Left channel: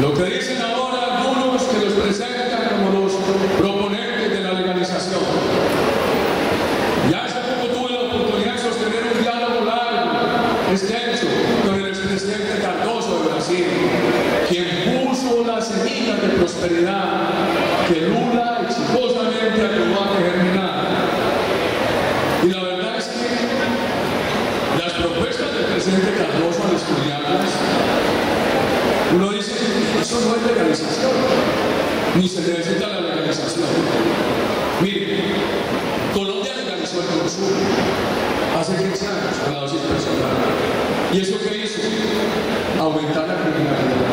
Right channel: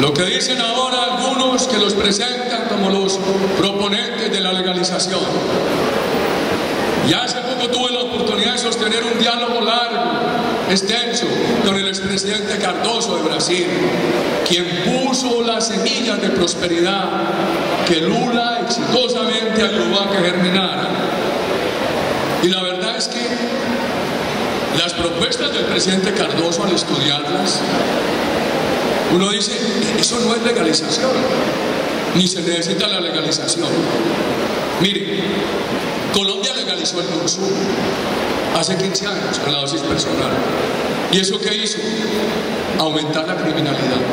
Lo que dicen ahora algunos que los presentan como los proponentes de la legalización. Ya hace poco tuve la oportunidad de sostener un diálogo largo, extenso, con el expresidente Cardoso de Brasil, quien puso las semillas de prosperidad que Lula exitosamente ayudó a que germinara. Y la verdad es que las propuestas del presidente Cardoso, al estudiarlas, uno dice, eso no es legalización, ni se necesita la legalización. Mire, Colombia legalizó el consumo hace 15 años con la dosis personal. ¿Y eso qué hizo? Aumentar la criminalidad.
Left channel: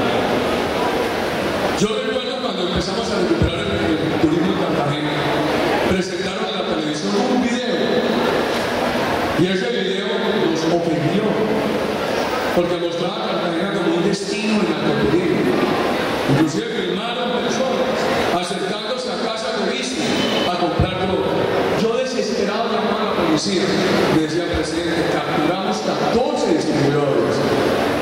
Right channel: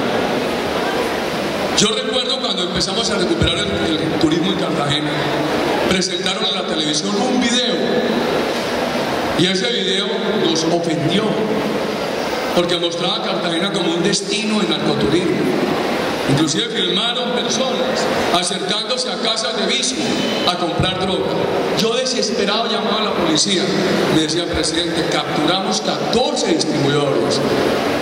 Yo recuerdo cuando empezamos a recuperar el turismo en Cartagena, presentaron en la televisión un video, y ese video nos ofendió, porque mostraba a Cartagena como un destino de narcoturismo. Inclusive filmaron personas acercándose a casas de vicio a comprar droga. Yo desesperado llamaba a la policía. Me decía, presidente, capturamos 14 distribuidores,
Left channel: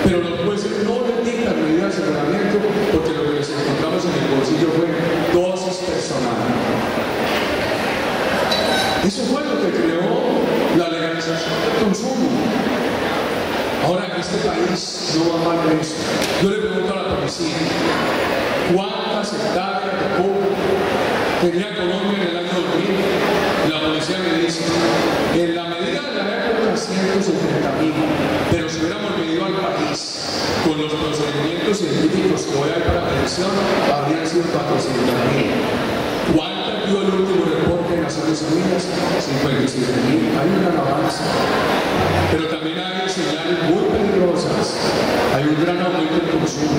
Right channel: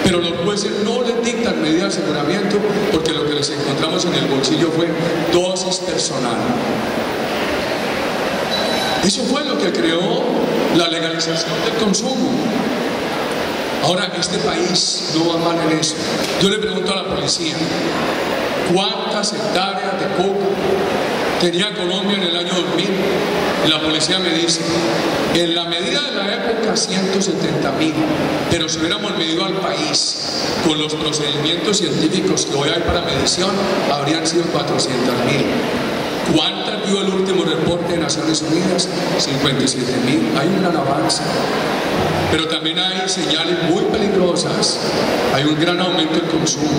pero los jueces no les dictan medidas de aseguramiento porque lo que les encontramos en el bolsillo fue dosis personal. Eso fue lo que creó la legalización del consumo. Ahora en este país no va mal en eso. Yo le pregunto a la policía, ¿cuántas hectáreas de coca tenía Colombia en el año 2000? Y la policía me dice, en la medida de la época 170.000, pero si hubiéramos medido al país con los procedimientos científicos que hoy hay para medición, habrían sido 400.000. ¿Cuántas dio el último reporte de Naciones Unidas? 57.000. Hay un gran avance. Pero también hay señales muy peligrosas. Hay un gran aumento del consumo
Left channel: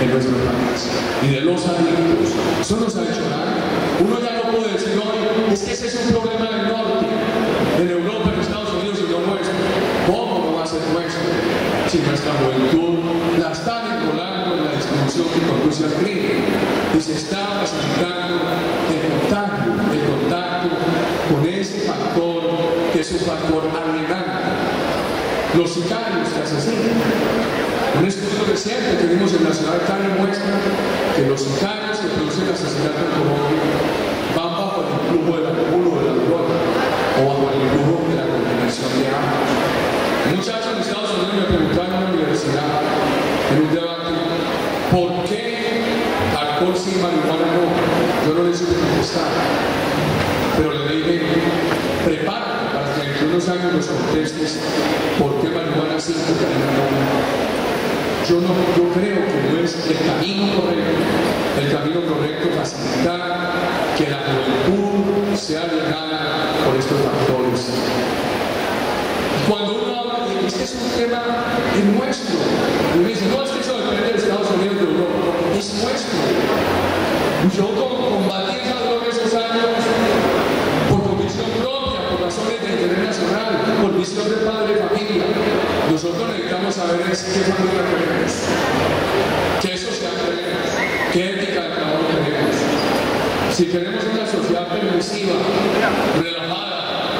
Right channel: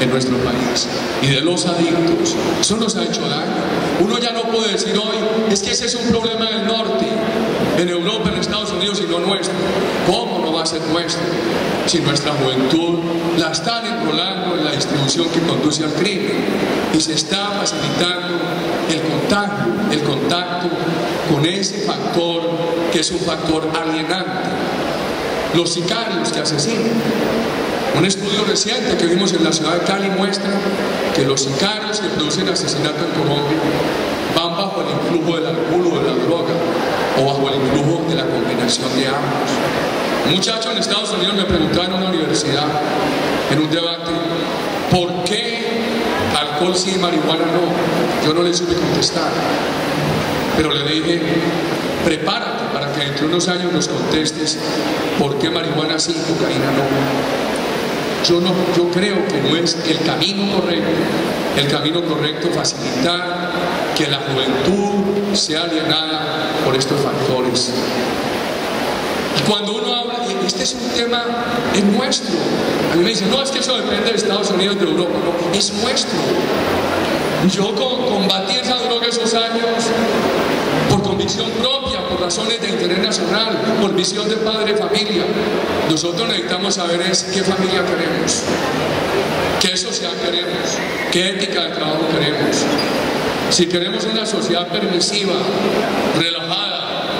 en nuestro país y de los adictos. Eso nos ha hecho daño. Uno ya no puede decir hoy, es que ese es un problema del norte, en Europa, en Estados Unidos y no nuestro. ¿Cómo no va a ser nuestro? Si nuestra juventud la están enrolando en la distribución que conduce al crimen y se está facilitando el contacto con ese factor que es un factor alienante. Los sicarios que asesinan. Un estudio reciente que vimos en la ciudad de Cali muestra que los sicarios que producen asesinato en Colombia van bajo el influjo del alcohol o de la droga o bajo el influjo de la combinación de ambos. Un muchacho en Estados Unidos me preguntó en una universidad, en un debate, ¿por qué alcohol sí y marihuana no? Yo no le supe contestar, pero le dije, prepárate para que dentro de unos años nos contestes por qué marihuana sí y cocaína no. Yo creo que no es el camino correcto. El camino correcto es facilitar que la juventud sea alienada por estos factores. Y cuando uno habla, este es un tema, es nuestro. A mí me dicen, no, es que eso depende de Estados Unidos, de Europa. No, es nuestro. Yo combatí esa droga esos años por convicción propia, por razones de interés nacional, por visión de padre de familia. Nosotros necesitamos saber qué familia queremos, qué sociedad queremos, qué ética de trabajo queremos. Si queremos una sociedad permisiva, relajada,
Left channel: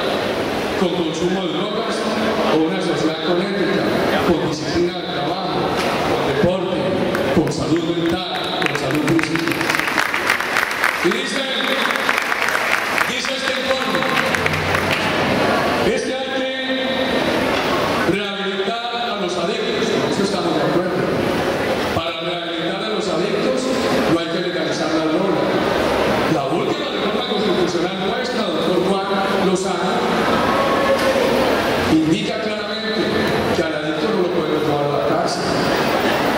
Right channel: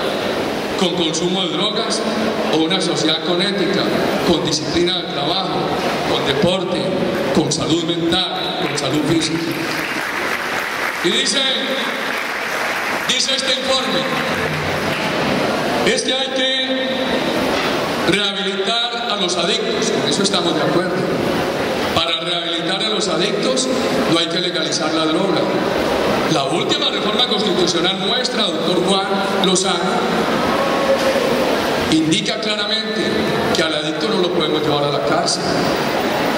con consumo de drogas, o una sociedad con ética, con disciplina de trabajo, con deporte, con salud mental, con salud física. Y dice este informe, es que hay que rehabilitar a los adictos, con eso estamos de acuerdo. Para rehabilitar a los adictos no hay que legalizar la droga. La última reforma constitucional nuestra, doctor Juan Lozano, indica claramente que al adicto no lo podemos llevar a la cárcel.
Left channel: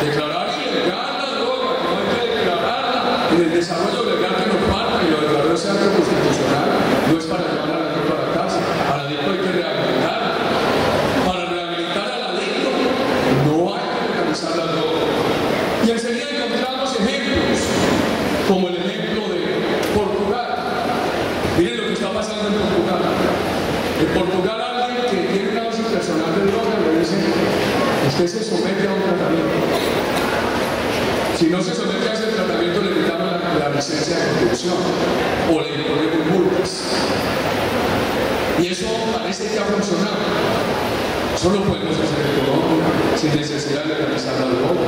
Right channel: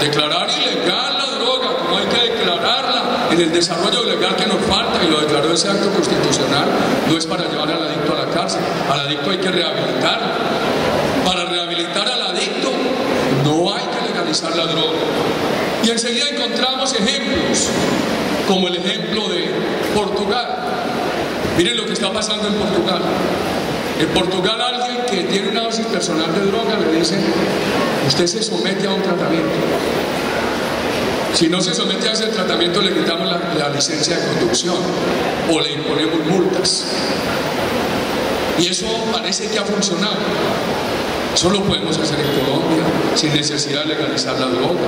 Declarar ilegal la droga, como hay que declararla en el desarrollo legal que nos falta, y lo declaró ese acto constitucional, no es para llevar al adicto a la cárcel. Al adicto hay que rehabilitarlo. Para rehabilitar al adicto no hay que legalizar la droga. Y enseguida encontramos ejemplos, como el ejemplo de Portugal. Miren lo que está pasando en Portugal. En Portugal alguien que tiene una dosis personal de droga le dice, usted se somete a un tratamiento. Si no se somete a ese tratamiento le quitamos la licencia de conducción o le imponemos multas. Y eso parece que ha funcionado. Eso lo podemos hacer en Colombia sin necesidad de legalizar la droga.